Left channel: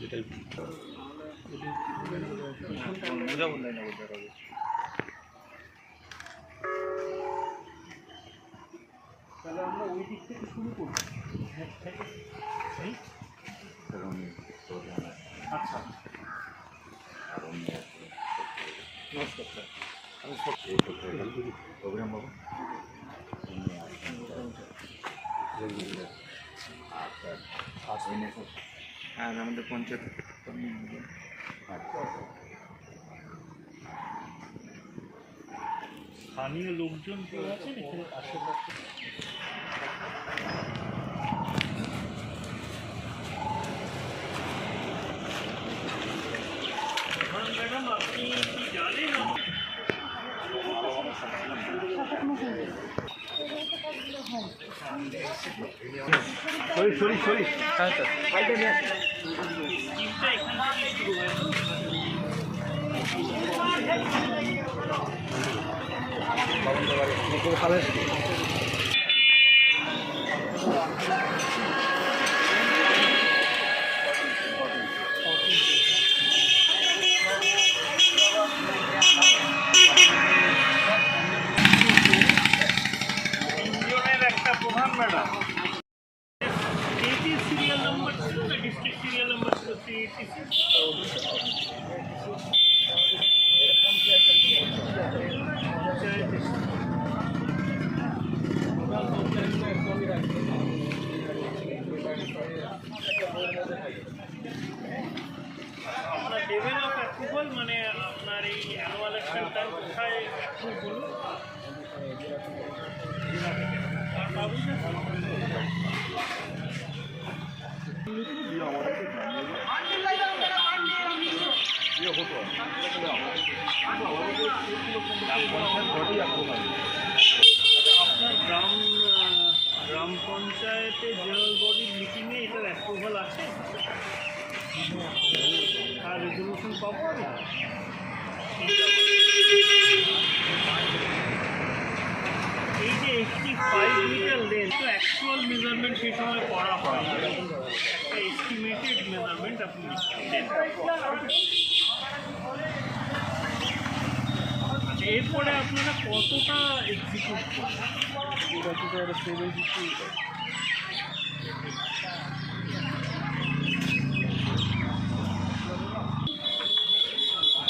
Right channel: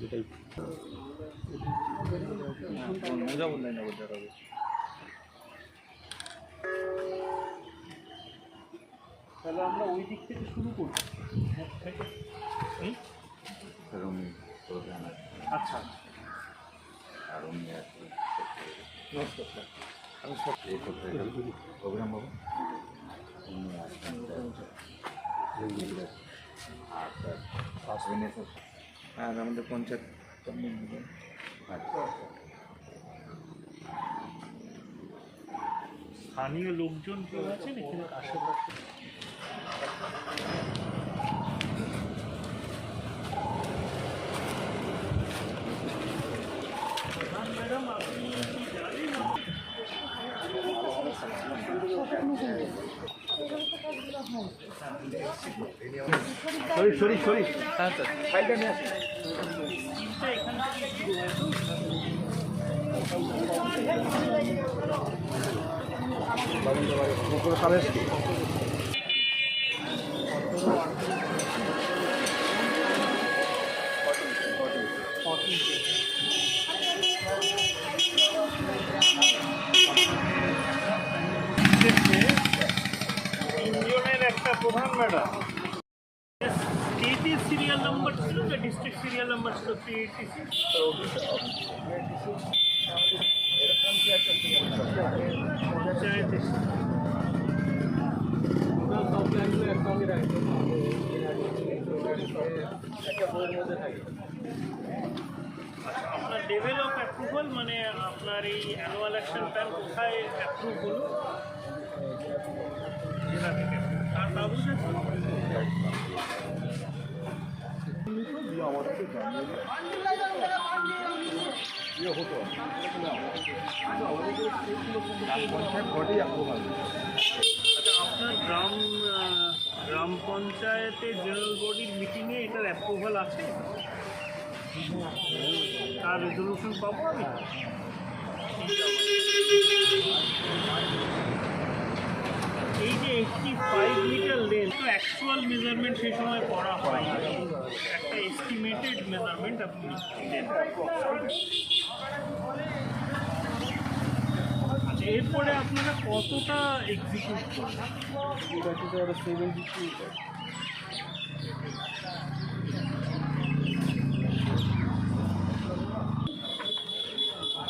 যেটাই তাহলে আমরা ওই দিক থেকে শুরু করব। আচ্ছা প্রোগ্রাম বাবু আর আমাদের পঞ্চায়েত স্থানীয় লোকজন কেউ আছেন এখানে আশেপাশে? ম্যাডাম আপনি কি জানেন সরি ফাইলটা নিয়ে আসি। ইউনিয়নের একটা প্রধান ম্যাডাম স্টেটের সিরিয়াল নাম্বার ছিল না, ডিস্ট্রিক্ট সিরিয়াল নাম্বার ছিল 386। আপনার লেভেল অফ অ্যাপ্রুভাল মানে আপনার এই অ্যানুয়াল অ্যাকশন প্ল্যান কোথায় অ্যাপ্রুভ হলো? তার কাগজ আপনার গ্রাম পঞ্চায়েতের জেনারেল বডির মিটিংয়ে এটার অ্যাপ্রুভাল আছে? আর রেজলিউশন পাবো আমি? এই যে 85 মিটার লেন্থ, তো অ্যাকচুয়াল মেজারমেন্ট সেই সময় করা হয়, একটা এস্টিমেটেড মেজারমেন্ট আপনি দেন। এরপরে আপনারা কতটা এক্সিকিউট করবেন?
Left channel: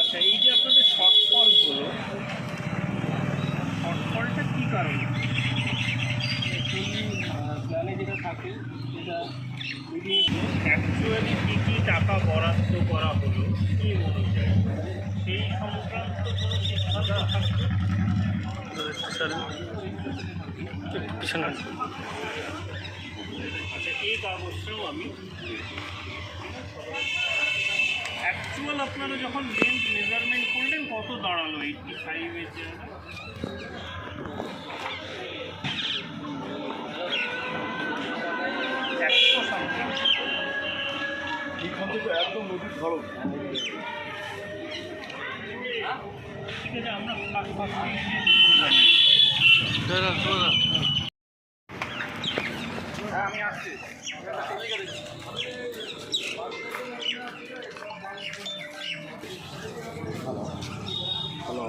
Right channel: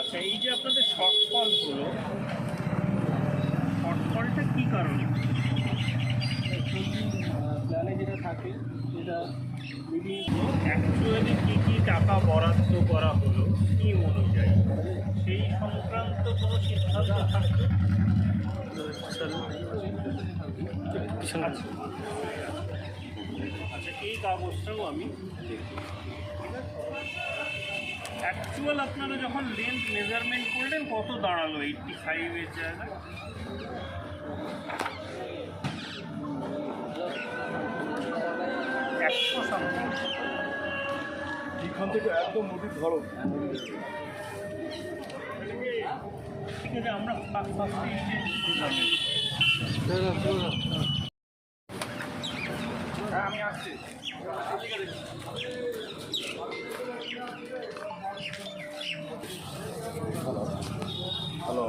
আচ্ছা, এই যে আপনাদের শর্টফল হলো, শর্টফলটা কী কারণে? প্ল্যানে যেটা থাকে সেটা অ্যাকচুয়ালি কী কী টাকা বরাদ্দ করা হলো স্কিম অনুযায়ী, সেই সংক্রান্ত কোনো সিদ্ধান্ত থাকবে? আচ্ছা, এই কাগজটাও আমি অ্যাকচুয়াল আপনারা যখন লেন্থ মেজারমেন্ট করলেন কত দাঁড়ালো 85-এর জায়গায়? এখান থেকে একদম নদীর ধরো। ঠিক আছে, আমরা আমি আসছি। হ্যালো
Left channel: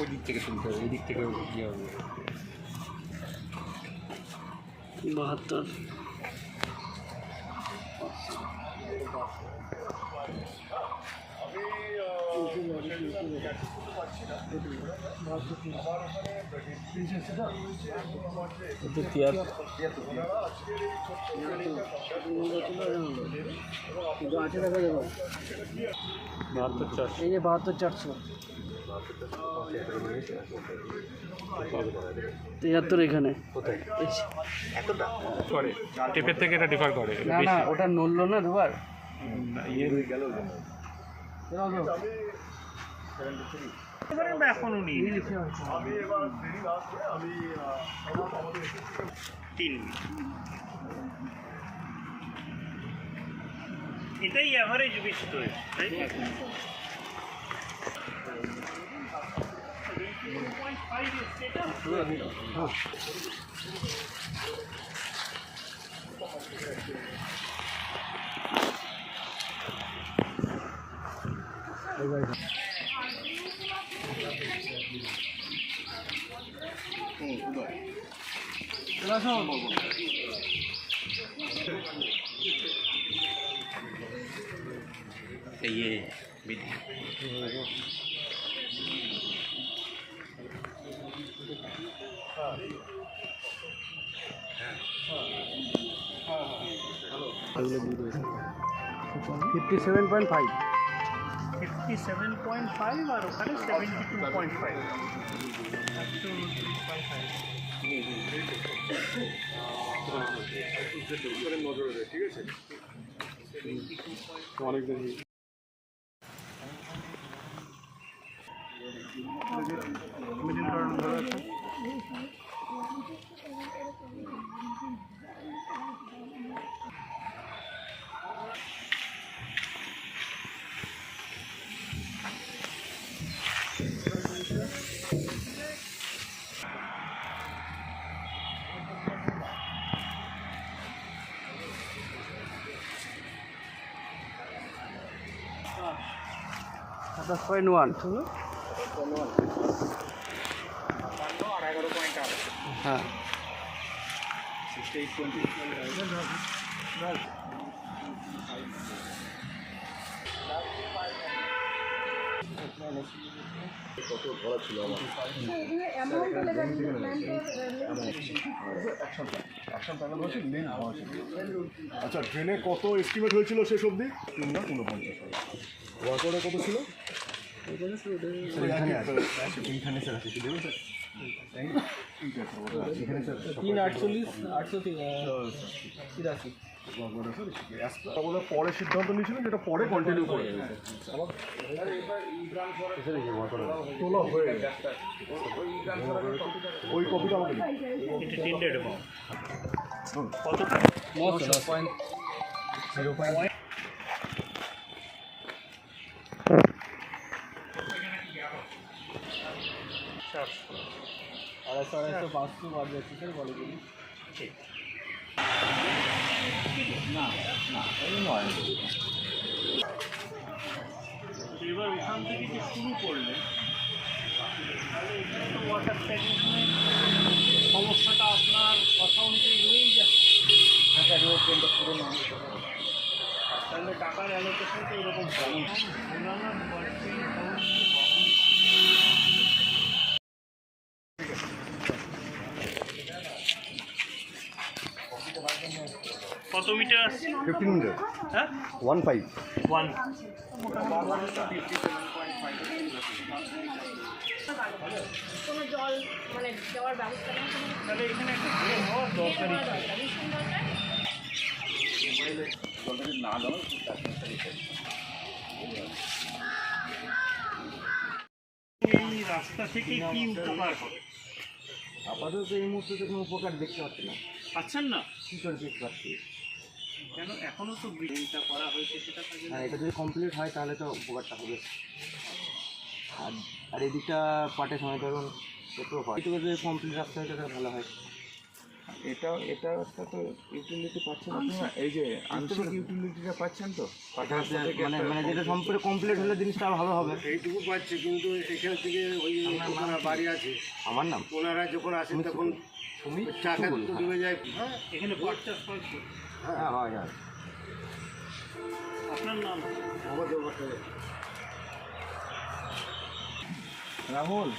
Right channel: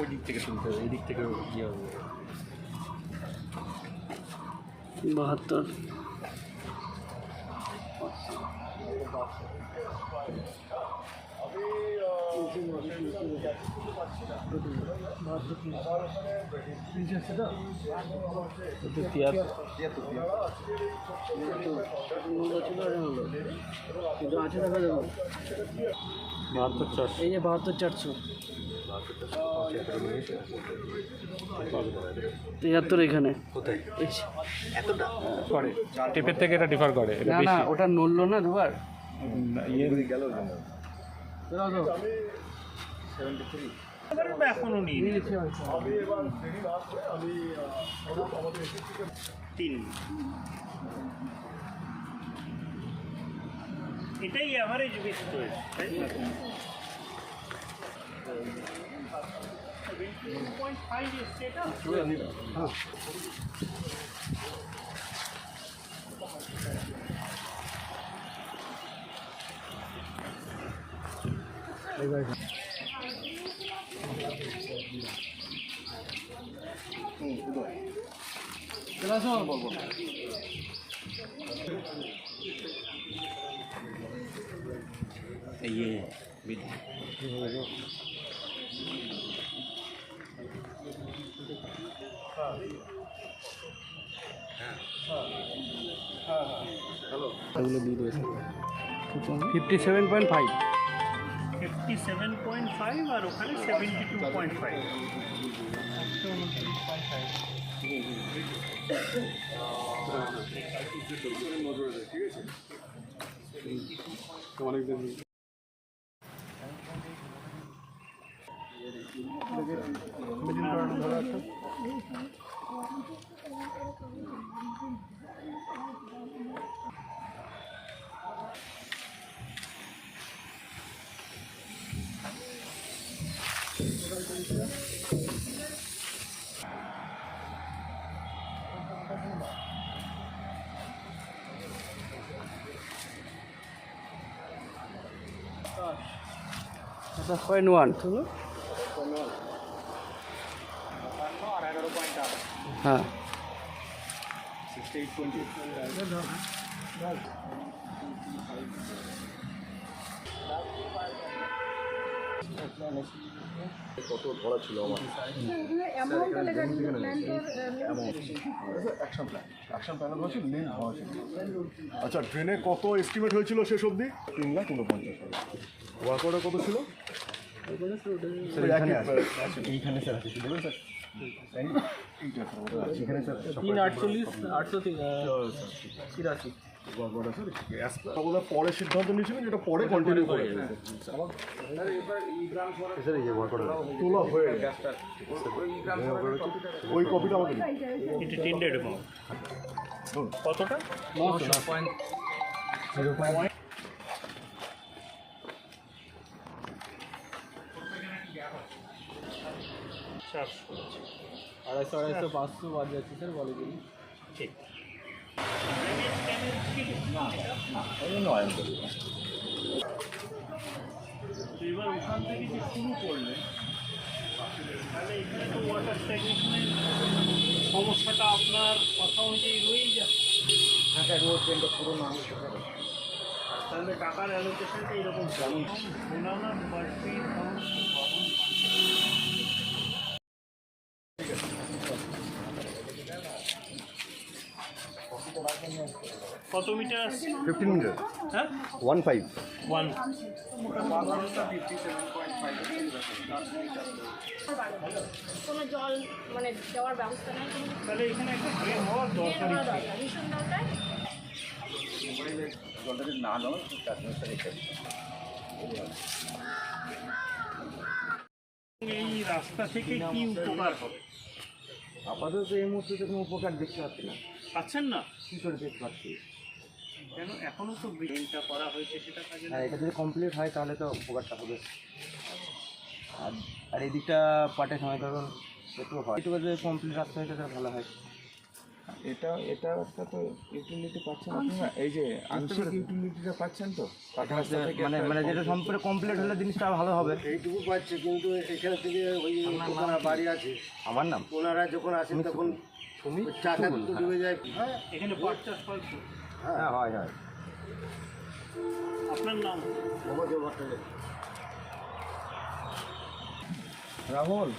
ওই দিক থেকে শুনতে হবে, ওই দিক থেকে ইয়ে হবে। 72 এই যে 72 473 এখানে এতটা টিপের থেকে এটা ডিফার করে। না না ওটা নড়লো না দুবার ইয়ে হয়ে গেল। এখনো নিই 3 এটাই অ্যাভারেজ বেশি হয়েছে তাই না? 2.5 এসছে এটা। ইয়ে বিধি এগুলো দুধ হয়েছে 57.5 57.5 আর ওখানে 72.5। পয়েন্ট 1 হলো হ্যাঁ কত ধরা ছিল আমার অ্যাকশন প্যানেল হচ্ছে মেন হওয়া ছিল। আচ্ছা ট্রেনে কত এস্টিমেট হয়েছিল শেষ অবধি? 3,50,000। ওয়ার্কআউটে কত ছিল? এইখানে স্যার আছে দেখুন স্যার 348 পরে সিদ্ধান্ত নিয়েছিলেন যেটা পরে কন্টিনিউ করে তোলা হয়ে গেছে। ওই কপিটা আমাকে দিন। এটা 10 এরকম কতটা? 0.0 250 500 বাদ যাচ্ছে স্যার বলে দিন এবার ওখান থেকে যে শুরু করলেন তাহলে এখানে তো ওয়াটার স্ট্যাগনেশনের সমস্যাটা আপনার কথা অনুযায়ী রয়েই যাচ্ছে। তাহলে টাকার অ্যালোকেশনটা এরকম কেমন কত মিটার আসছে? 15 মিনিট হ্যাঁ 15 1 কোনো জল মানে দেওয়ার ব্যবস্থা নেই তাহলে এখানে একটা ড্রেন হওয়ার দরকারই ছিল। এই রাস্তা থেকে কি উপকার হবে? আপাতত এই মুহূর্তে তো কোনো উপকার দেখতে পাচ্ছি না। পাচ্ছেন না কী করে দেখতে পাচ্ছি? কেন? এখনো তো ব্রিজটা করা হয়েছে, সেটা কাজে হ্যাঁ, এটা যদি কমপ্লিট হয় তাহলে তো উপকারটা হবে। আর আর এদিকটা পাটের সময় ধরুন একটু হয়, একটু যদি কমপ্লিট রাখতে হয় তাহলে ভালো হয়। এটা একটা তো ইউটিলিটি পাচ্ছেন আপনারা, এই যে আংশিক ইউটিলিটিটা পাচ্ছেন তো রাস্তা থেকে মানে মানে যেটা সম্পূর্ণ কমপ্লিট হলে জিনিসটা ভালো হবে। এইটুকু পাচ্ছে, কিন্তু এখান থেকে ওই ওনার বাড়ি আছে, আমার নাম ওনারা যখন আসেন তখন চাকা তো ডুবে যায়। হ্যাঁ এখানে পাট চাষ হয় তো? হ্যাঁ হয় হয়। আপনার নাম? ভগবত ভট্টাচার্য। রাহুল